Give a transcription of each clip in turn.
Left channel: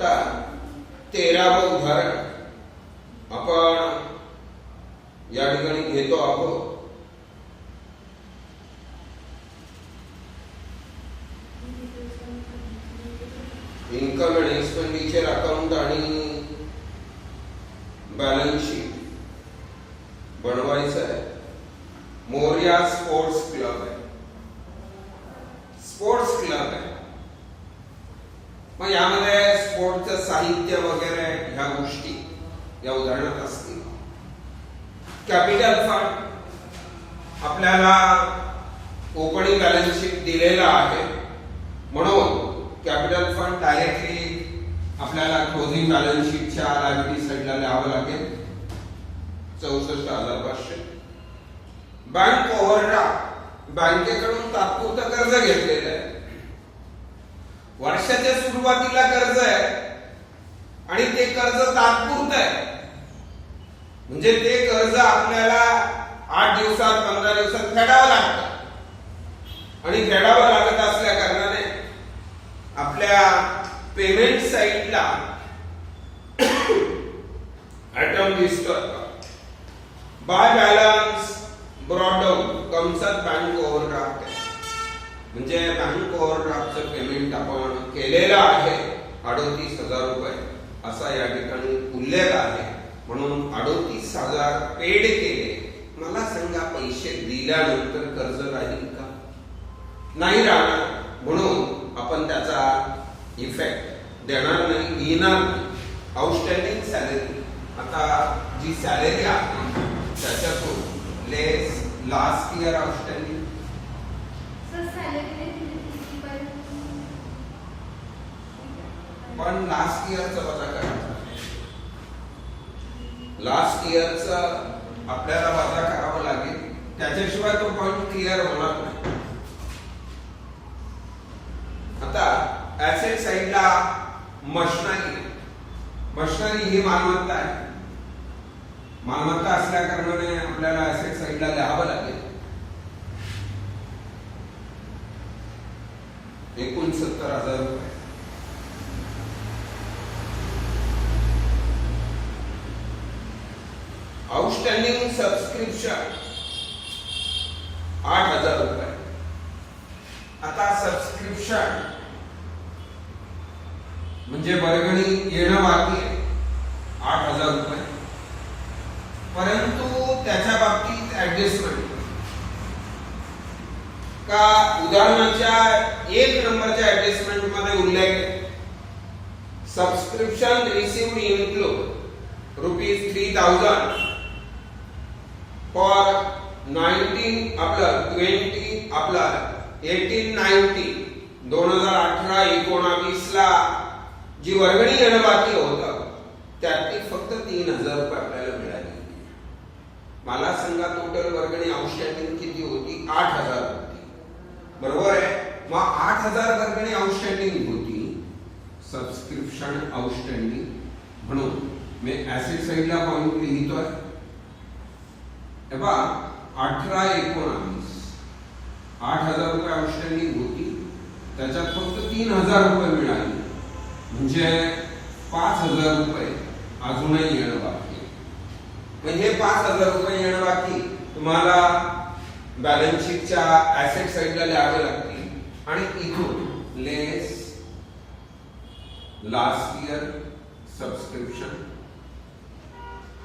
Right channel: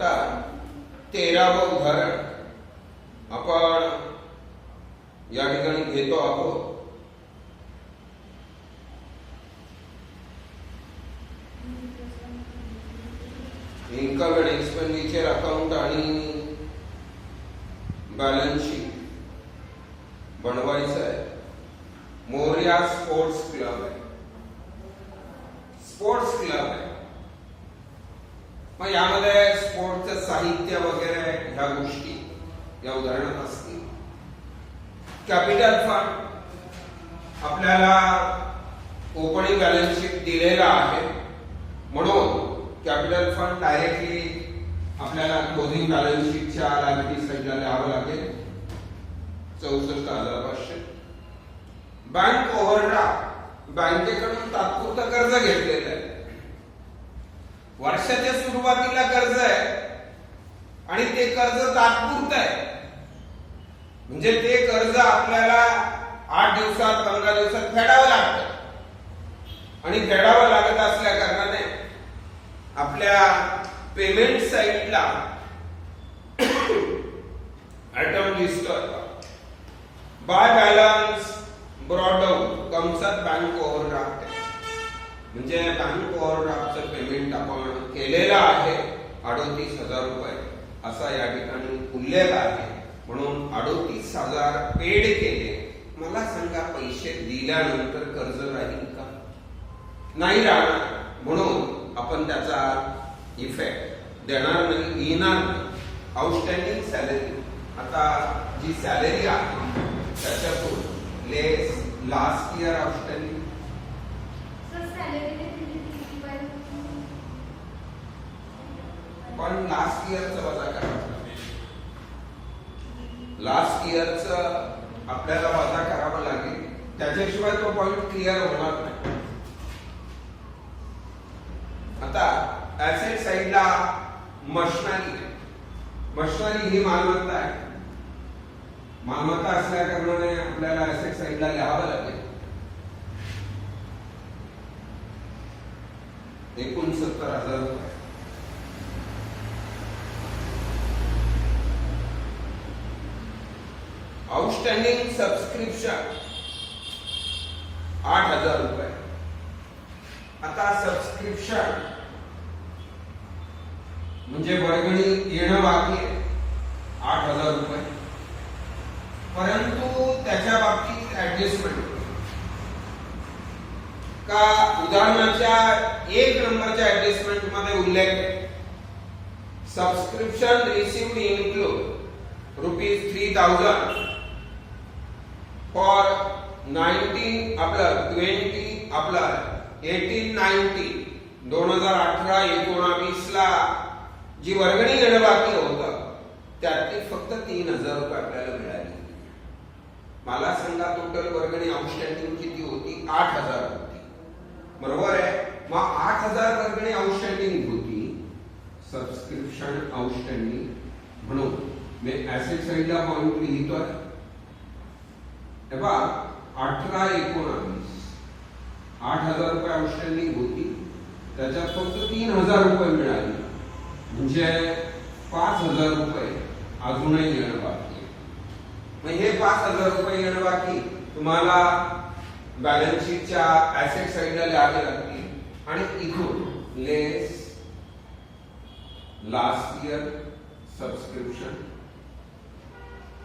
आता 13वं उदाहरण आपण या ठिकाणी घेतो आहोत. इन्कम अँड एक्सपेंडिचर अकाउंट आणि बॅलन्स शीट बनवायचं आहे. मोरया स्पोर्ट्स क्लब आहे, स्पोर्ट्स क्लब आहे. मग यामध्ये स्पोर्टचं साहित्य वगैरे ह्या गोष्टी या उदाहरणात असतील. कॅपिटल फंड आपल्याला ओपनिंग बॅलन्स शीट दिलेला आहे, म्हणून कॅपिटल फंड डायरेक्टली आपल्याला क्लोजिंग बॅलन्स शीटच्या लायबिलिटी साइडला लिहावं लागेल. 64,500. बँक ओव्हरड्राफ्ट, बँकेकडून तात्पुरतं कर्ज घेतलेलं आहे. वर्षाच्या सुरुवातीला कर्ज आहे आणि ते कर्ज तात्पुरतं आहे, म्हणजे ते कर्ज आपल्याला 8 दिवसात 15 दिवसात फेडावं लागतं. आणि फेडावं लागत असल्या कारणाने आपल्या पेमेंट साइटला आयटम दिसतो बाय बॅलन्स ब्रॉट डाऊन कंसात बँक ओव्हरड्राफ्ट, म्हणजे बँक ओव्हरड्राफ्टचं पेमेंट आपण केलेलं आहे 38,000 रुपये असा या ठिकाणी उल्लेख आहे. म्हणून 38,000 पेड केले. मला सांगा, पैसे दिल्यानंतर कर्ज राहील का? नाही राहणार. म्हणून आपण त्याचा इफेक्ट देणार नाही, घेणार नाही. आउटस्टँडिंग सॅलरी, आता जी सॅलरी आहे त्याच्यातून लेस लास्ट इयर आउटस्टँडिंग, पण लास्ट इयरचं वजा करायचं. लास्ट इयरचं आपल्याला वजा करावं लागेल, त्याच्याशिवाय तो पॉइंट क्लिअर होणार नाही. आता ऍसेट साइडला मशिनरी, मशिनरी ही मालमत्ता आहे. मालमत्ता असल्या कारणाने आपल्याला ऍसेट साइडला लिहावं लागेल. 69,000 रुपये. आउटस्टँडिंग सबस्क्रिप्शन 8,000 रुपये. आता सबस्क्रिप्शन म्हणजे वर्गणी येणं बाकी 8,000 रुपये, परंतु त्याच्या बाबतीत ऍडजस्टमेंट का उदाहरणाच्या 1 नंबरच्या ऍडजस्टमेंट मध्ये उल्लेख आहे. सबस्क्रिप्शन रिसीव्ड इन्क्लूड ₹3,000 फॉर 19 आपलं 20 आपलं 18-19 2018-19 ला जी वर्गणी येणं बाकी होतं त्यातली फक्त 3,000 रुपये आपल्याला मिळाली. मला सांगा, टोटल वर्गणी आउटस्टँडिंग किती होती? 8,000 होती, बरोबर आहे. मग 8,000 वर्गणी आउटस्टँडिंग होती, सबस्क्रिप्शन आउटस्टँडिंग. म्हणून मी ऍसेट साइडला पॉइंट लिहितोय. तेव्हा 18-19 8,000 रुपये आउटस्टँडिंग होती, त्याच्यात फक्त 3,000 रुपये मिळाले, म्हणजे 5,000 रुपये अजूनही येणं बाकी. मग हे 5,000 रुपये येणं बाकी तुम्हाला बॅलन्स शीटच्या ऍसेट साइडला लिहावे लागतील आणि इथून लेस लास्ट इयर सबस्क्रिप्शन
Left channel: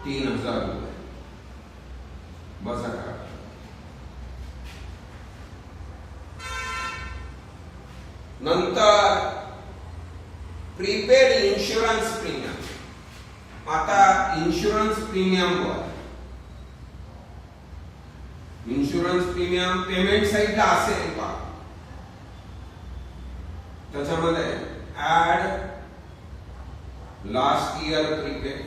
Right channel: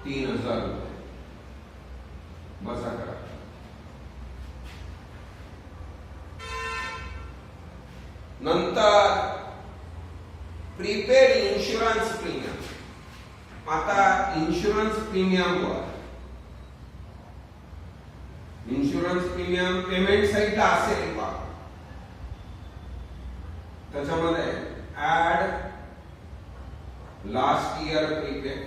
3,000 रुपये बसा करा. नंतर प्रीपेड इन्शुरन्स प्रीमियम. आता इन्शुरन्स प्रीमियम वर इन्शुरन्स प्रीमियम पेमेंट साइडला असेल का? त्याच्यामध्ये ऍड लास्ट इयर प्रीपेड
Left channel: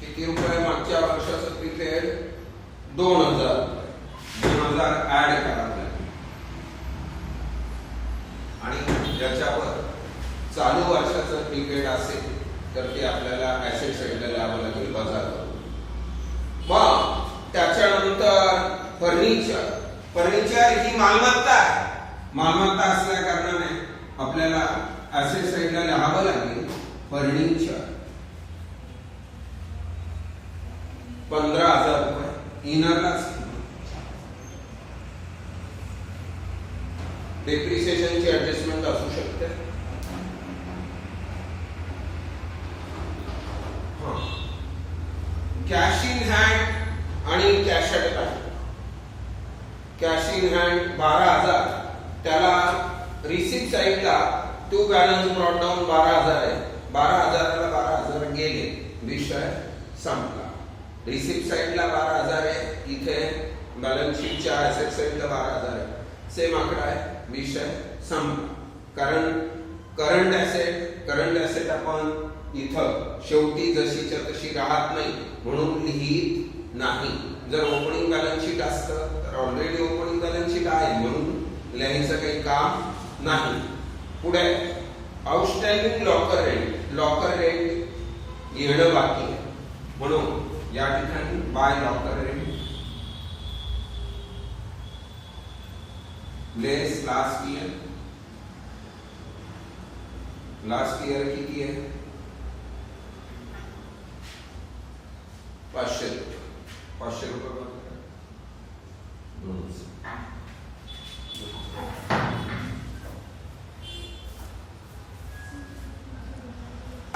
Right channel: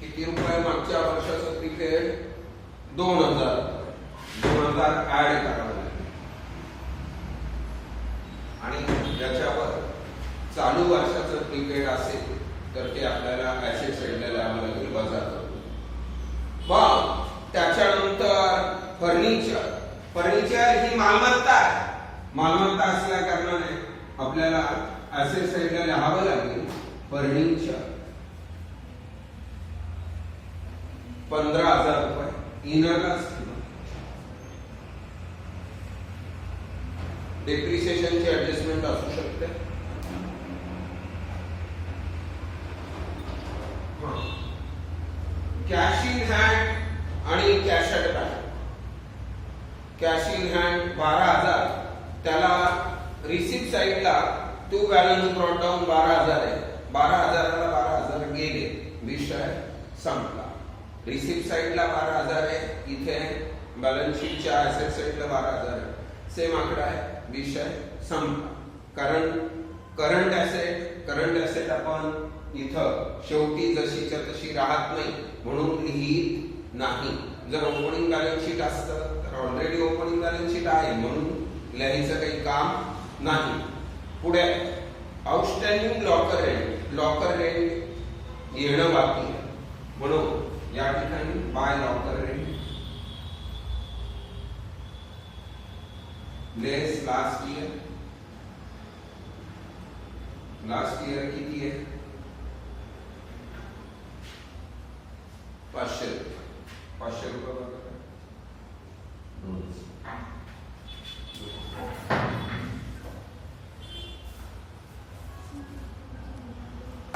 किती रुपये मागच्या वर्षाचं प्रीपेड 2,000 ऍड करावे लागेल आणि ज्याच्यावर चालू वर्षाचं प्रीपेड असेल तर ते आपल्याला ऍसेट साइडला लिहावं लागेल बाजार. मग त्याच्यानंतर फर्निचर. फर्निचर ही मालमत्ता आहे मालमत्ता असल्या कारणाने आपल्याला ऍसेट साइडला लिहावं लागेल फर्निचर 15,000 रुपये इनरला. डेप्रिसिएशनची ऍडजस्टमेंट असू शकते. कॅश इन हँड आणि cash at bank. Cash in hand 12,000, त्याला रिसिप्ट साइडला टू बॅलन्स ब्रॉट डाऊन 12,000 आहे. 12,000ला 12,000 गेले, विषय संपला. रिसिप्ट साइडला 12,000 आहे, इथे बॅलन्स शीटच्या ऍसेट साइडला 12,000 आहे. सेम आकडा आहे, विषय संपला. कारण करंट ऍसेट आपण इथं शेवटी जशीच्या तशी राहत नाही म्हणून लिहित नाही. जर ओपनिंग बॅलन्स शीट असतं तर ऑलरेडी ओपनिंग बॅलन्स शीट आहे म्हणून लिहायचं काही काम नाही. पुढे आउटस्टँडिंग लॉकर रेंट येणं बाकी आहे म्हणून या ठिकाणी बाय लॉकर रेंट लेस लास्ट ईयर किती आहे? 500 रुपये. 500 रुपये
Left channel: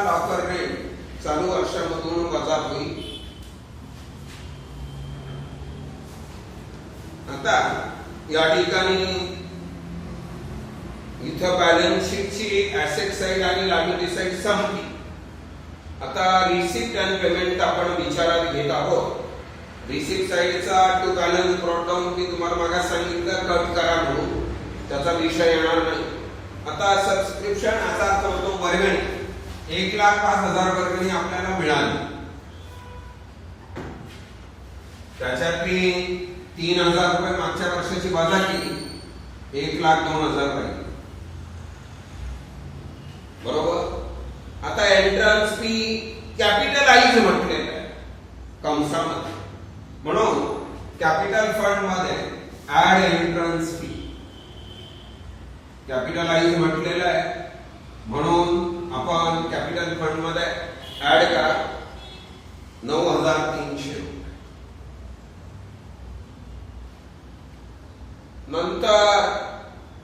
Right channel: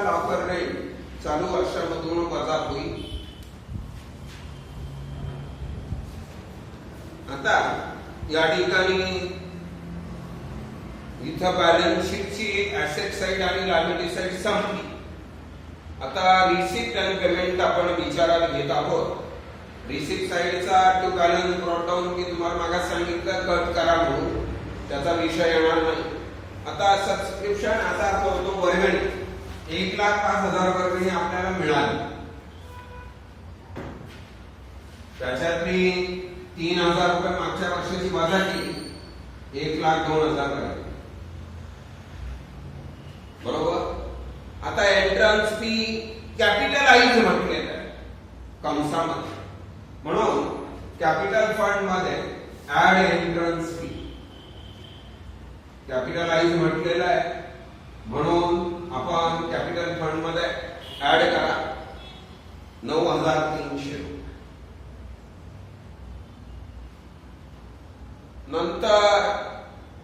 लॉकर रेंट चालू वर्षामधून वजा होईल. आता या ठिकाणी इथं बॅलन्स शीटची ऍसेट साइड आणि लायबिलिटी साइड संपली. आता रिसिप्ट आणि पेमेंट आपण विचारात घेत आहोत. रिसिप्ट साइडचा टू बॅलन्स ब्रॉट डाऊन मी तुम्हाला मागास सांगितलं कट करा म्हणून, त्याचा विषय येणार नाही. आता सबस्क्रिप्शन याचा अर्थ होतो वर्गणी. 1,05,000 वर्गणी आपल्याला मिळाली, त्याच्यातली 3,000 रुपये मागच्या वर्षाची वजा केली, 1,02,000 राहील. बरोबर. आता एंट्रन्स फी कॅपिटलाइज म्हटलेलं आहे कंसामध्ये, म्हणून कॅपिटल फंड मध्ये ऍड एंट्रन्स फी कॅपिटलाइज म्हटलेलं आहे म्हणून आपण कॅपिटल फंड मध्ये ऍड करा 9,300 रुपये. नंतर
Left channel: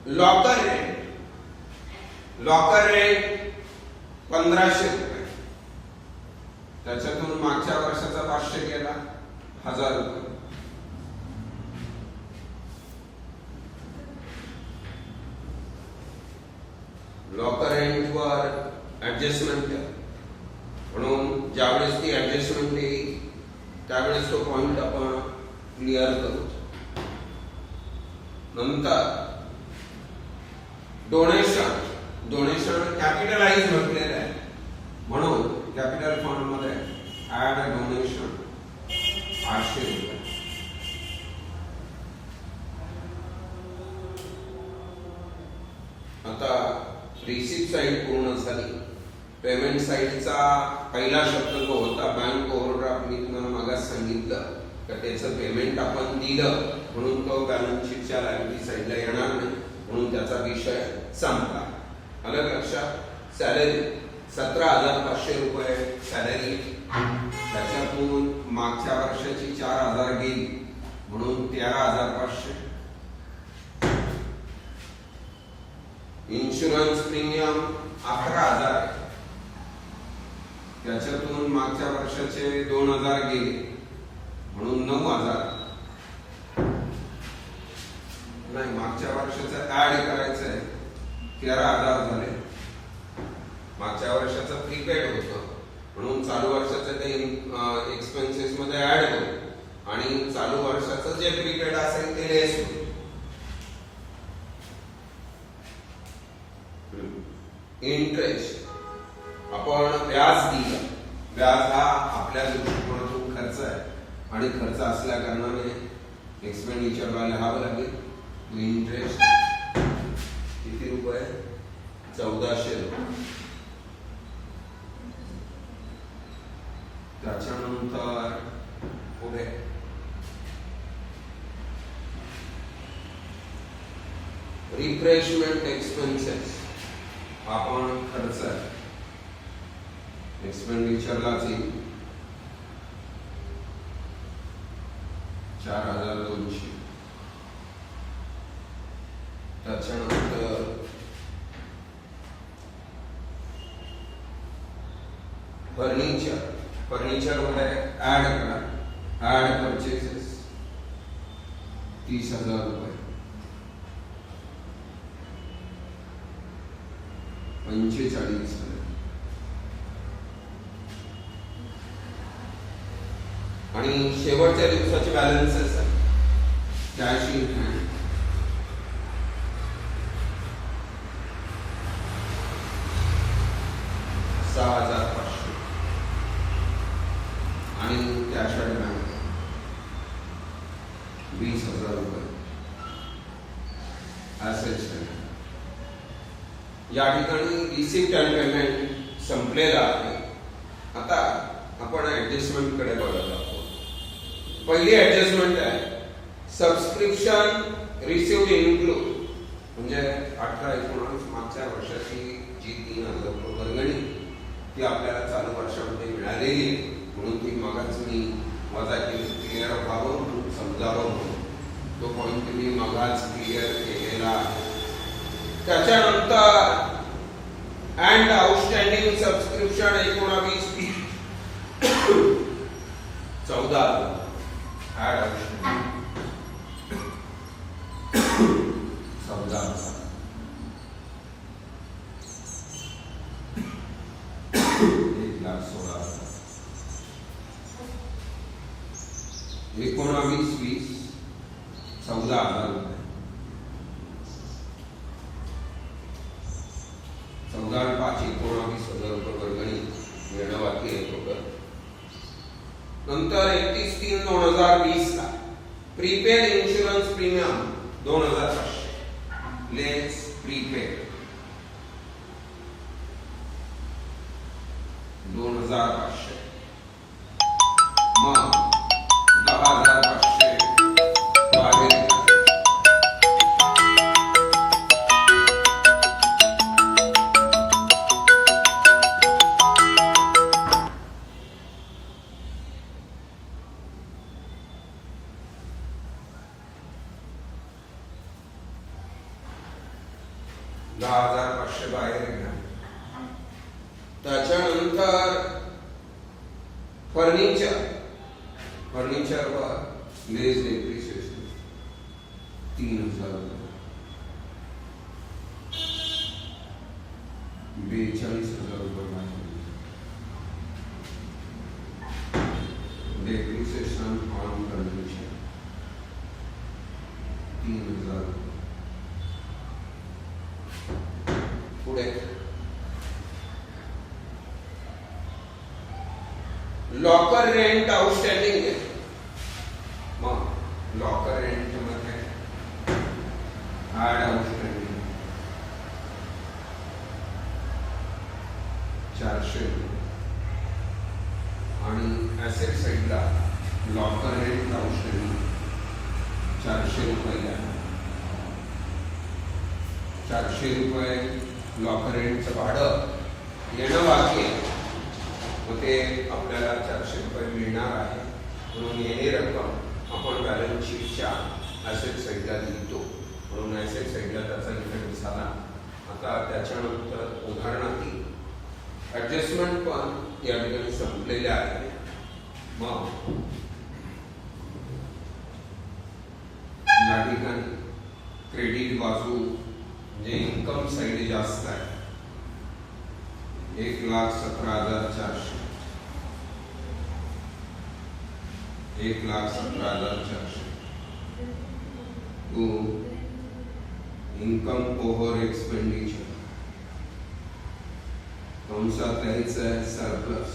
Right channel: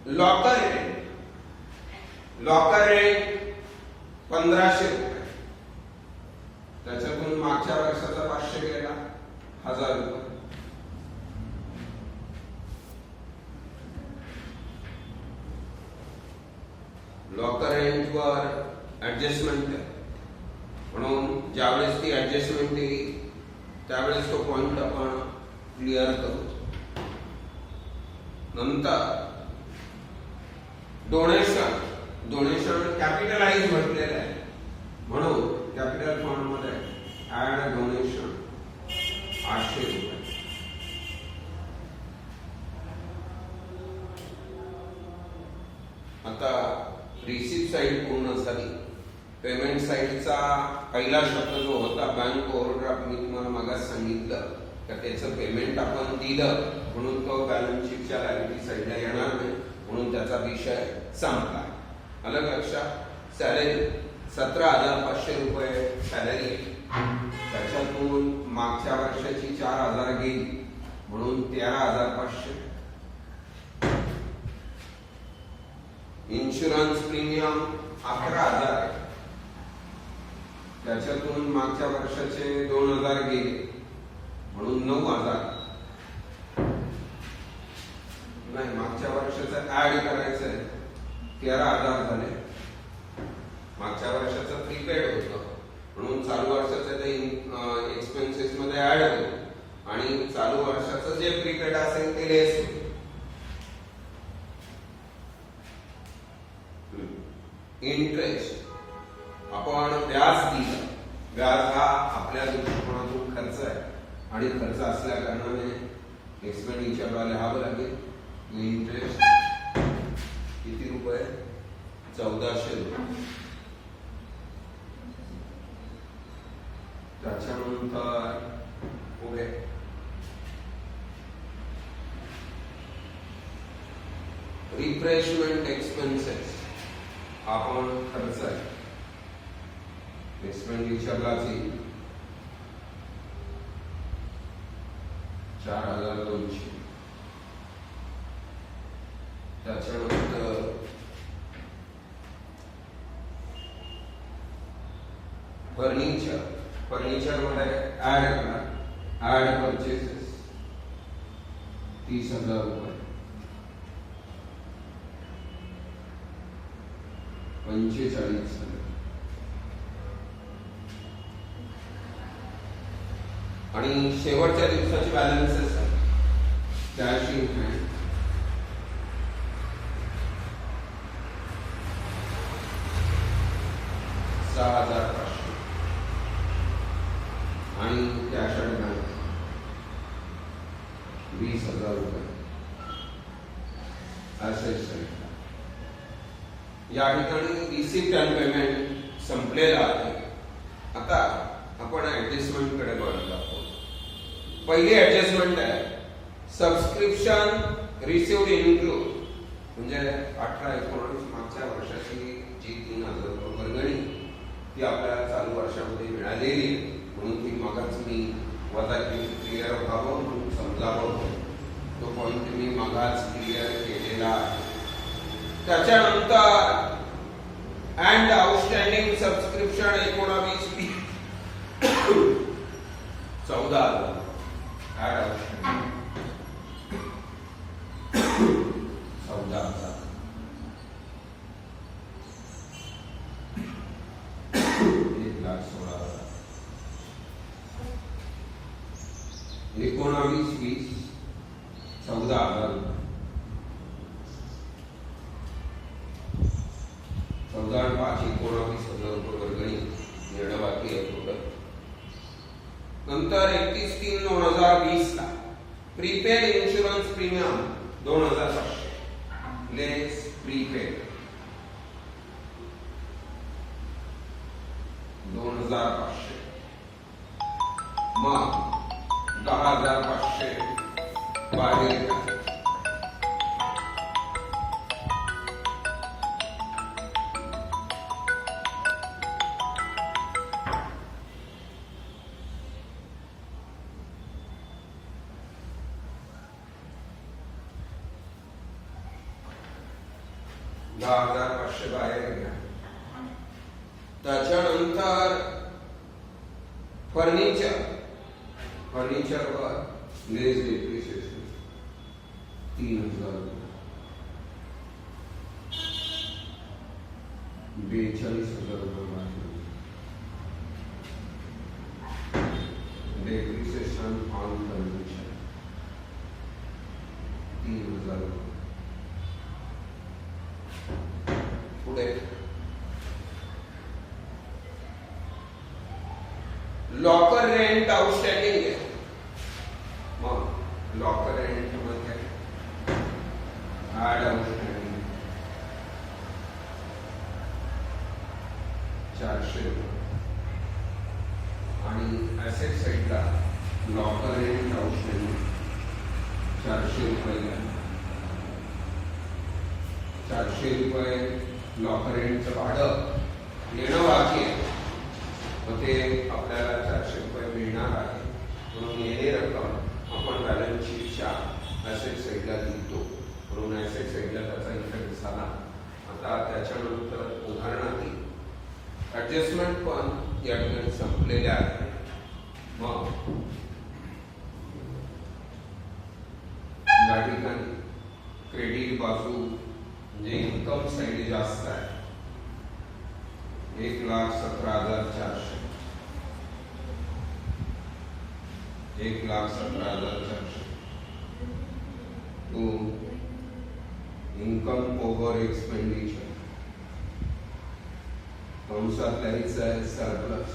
लॉकर रेंट 1,500 रुपये, त्याच्यातून मागच्या वर्षाचा 500 केला 1,000 रुपये. लॉकर रेंट वर ऍडजस्टमेंट आहे म्हणून ज्यावेळेस ती ऍडजस्टमेंट येईल त्यावेळेस तो पॉइंट आपण क्लिअर करू. नंतर डोनेशन कॅपिटलाइज म्हटलेलं आहे म्हणून कॅपिटल फंड मध्ये ऍड डोनेशन 800 रुपये. आता रिसिप्ट साइड पूर्ण झाली. पेमेंट साइडचा पहिला शब्द जो होता बँक ओव्हरड्राफ्ट, मी तुम्हाला मागास सांगितलं तर त्याचं पेमेंट आपण दिलं म्हणून तो बॅलन्स शीटच्या लायबिलिटी साइडला येणार नाही म्हणून त्याचा विषय संपला. आलं लक्षात. सॅलरी 17,500 रुपये सॅलरी, त्याच्यातून मागच्या वर्षाची 4,000 गेली म्हणून 13,500. इन्शुरन्स प्रीमियम 11,000, त्याच्यातून मागच्या वर्षाचे 2,000 गेले म्हणून 9,000. नाही, मागच्या वर्षाचं ऍड करायचंय 13,000 झाले. मागच्या वर्षाचं प्रीपेड होतं म्हणून चालू वर्षाचे ते एक्सपेन्सेस मध्ये ऍड होईल आणि चालू वर्षाचं जे प्रीपेड असेल ते लेस होईल. इंटरेस्ट आपण व्याज दिलं. व्याज हा आपल्या दृष्टिकोनातून खर्च आहे आणि खर्च असल्या कारणाने एक्सपेंडिचरला लिहावं लागेल. इंटरेस्ट किती रुपये? 1,400 रुपये. त्याच्यानंतर पुढे रिफ्रेशमेंट एक्सपेन्सेस हा पण खर्च आहे, एक्सपेंडिचरलाच येईल 4200. त्याच्यानंतर फर्निचर मध्ये ऍड करा, ऍड परचेसेस 30,000 रुपये, 45,000. आणि शेवटच्या दिवसाचे बॅलन्सेस आहे, कॅश इन हँड 6,500 आणि कॅश ॲट बँक 20,000 रुपये. ॲसेट्स या ठिकाणी रिसिप्ट अँड पेमेंट संपलेला आहे. आता आपण ऍडजस्टमेंट कडे बघत आहोत. पहिली ऍडजस्टमेंट आहे सबस्क्रिप्शन रिसिव्ड इन्क्लूड, म्हणजे 18-19 मागच्या वर्षाची जी 3,000 रुपये वर्गणी ती आपल्याला चालू वर्षामध्ये मिळालेली, म्हणून ती मगाच मी वजा केली, क्लिअर व्हावं म्हणून समजावं, तो पॉईंट मी मगाच क्लिअर केलेला आहे. त्याच्यानंतर and outstanding subscription 19 14,000 add outstanding 14,000. 1,16,000. 19-20 14,000 रुपये. 14,500 19,000 रुपये वर्गणी येणं बाकी आहे टोटल. नंतर 31/3/2020 ला प्रीपेड इन्शुरन्स प्रीमियम 2,500 लेस प्रीपेड 2,500, मग 10,500 बाहेर. बाहेर घ्या. त्याच्यानंतर फर्निचरवर लेस डेप्रिसिएशन 3,000 रुपये, 42,000 रुपये बाहेर. डेप्रिसिएशन ऑन फर्निचर 3,000 रुपये. पुढे लॉकर रेंट आउटस्टँडिंग आहे, मग लॉकर रेंट मध्ये ऍड आउटस्टँडिंग 400 रुपये. आणि ऍसेट साइडला लॉकर रेंट आउटस्टँडिंग 400 रुपये घ्या. 400 रुपये लॉकर रेंटचं भाडं येणं बाकी आहे, मग ते आपल्याला 400 रुपये मिळणार आहे, म्हणून येणे रक्कम आपण बॅलन्स शीटच्या ऍसेट साइडला लिहितो, म्हणून ऍसेट साइडला त्याचा इफेक्ट झाला. आता त्याच्यानंतर उदाहरणार्थी ऍडजस्टमेंट पण या ठिकाणी संपलेल्या आहेत. मग या ठिकाणी क्रेडिट बाजू म्हणजे इन्कम साइड जास्त आहे, 1,17,400, 1,17,400 टू इन्कम ओव्हर एक्सपेंडिचर कंसात लिहायचं आहे सरप्लस.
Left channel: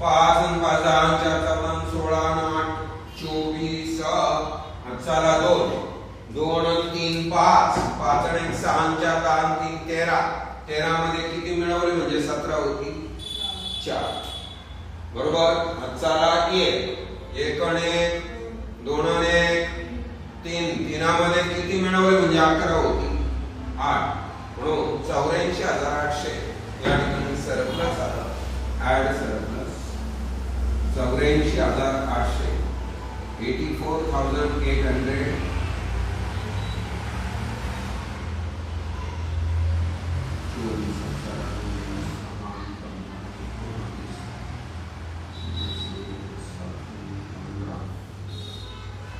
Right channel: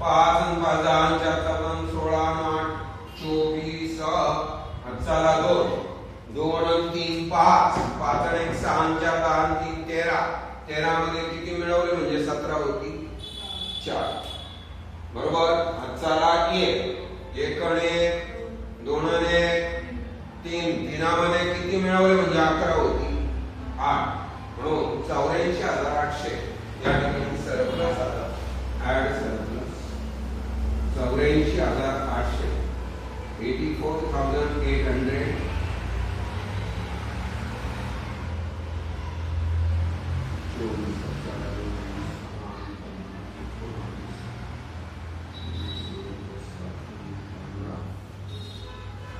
पाच आणि 5 16 8 24 चला 2 3 5, 5 आणि 1 6 आणि 4 10 आणि 3 13. 13 मध्ये किती मिळवले म्हणजे 17 होती 4. बरोबर. हातचा 1 1 आणि 1 2 आणि 1 3. 3 मध्ये किती मिळवले म्हणजे 11 होती 8. म्हणून 84,800 या ठिकाणी सरप्लस आला. Add surplus 84,800 84,800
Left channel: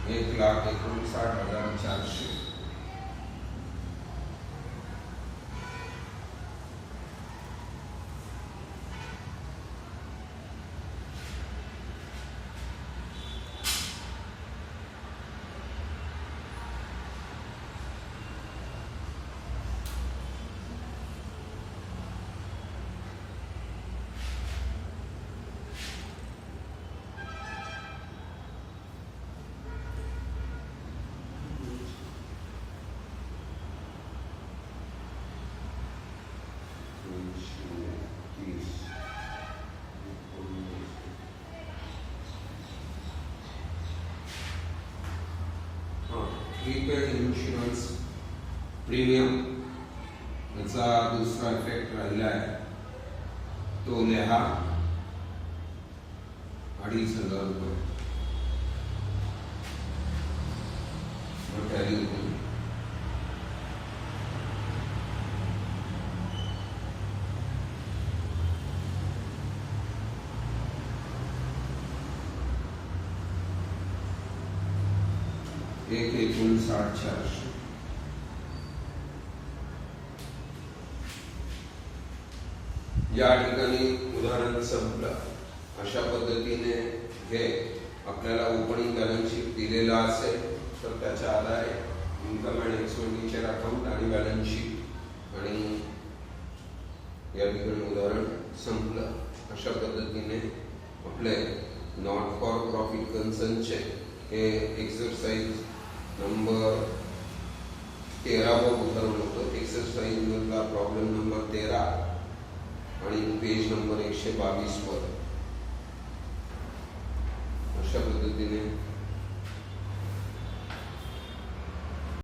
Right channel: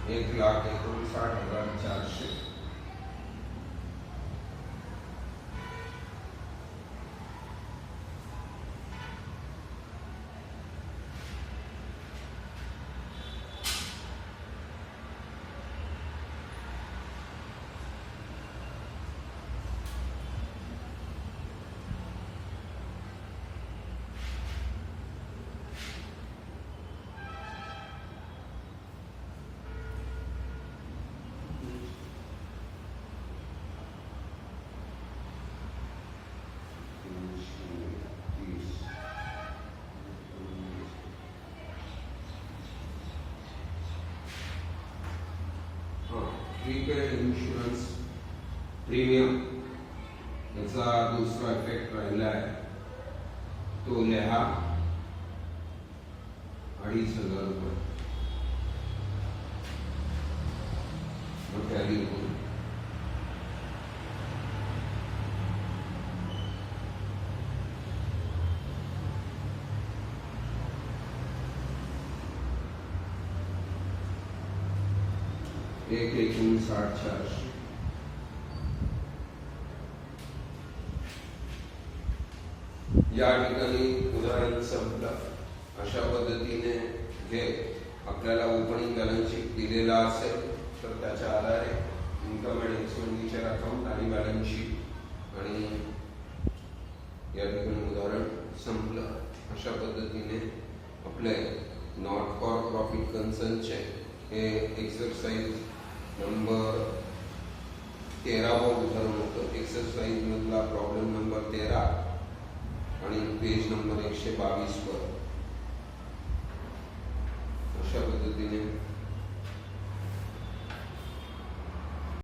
1,59,400. Prepaid insurance premium याचा दुसरा इफेक्ट राहिला आहे तो लिहा 2,500 रुपये. टॅली होईल. एक 59,400. या ठिकाणी उदाहरण संपलं. अशा पद्धतीने हे आपल्याला ओपनिंग बॅलन्स शीट दिलेला असेल तर त्याच्या आधारे इन्कम अँड एक्सपेंडिचर अकाउंट आणि बॅलन्स शीट आणि या ठिकाणी उदाहरण संपलं. अशा पद्धतीने आपले नॉट फॉर प्रॉफिट कन्सर्नचे हे एक्सरसाइज नंबर 13 उदाहरण होतं. एक्सरसाइज मधला प्रॉब्लेम नंबर 13 आणि पेज नंबर 122 वर अशा पद्धतीने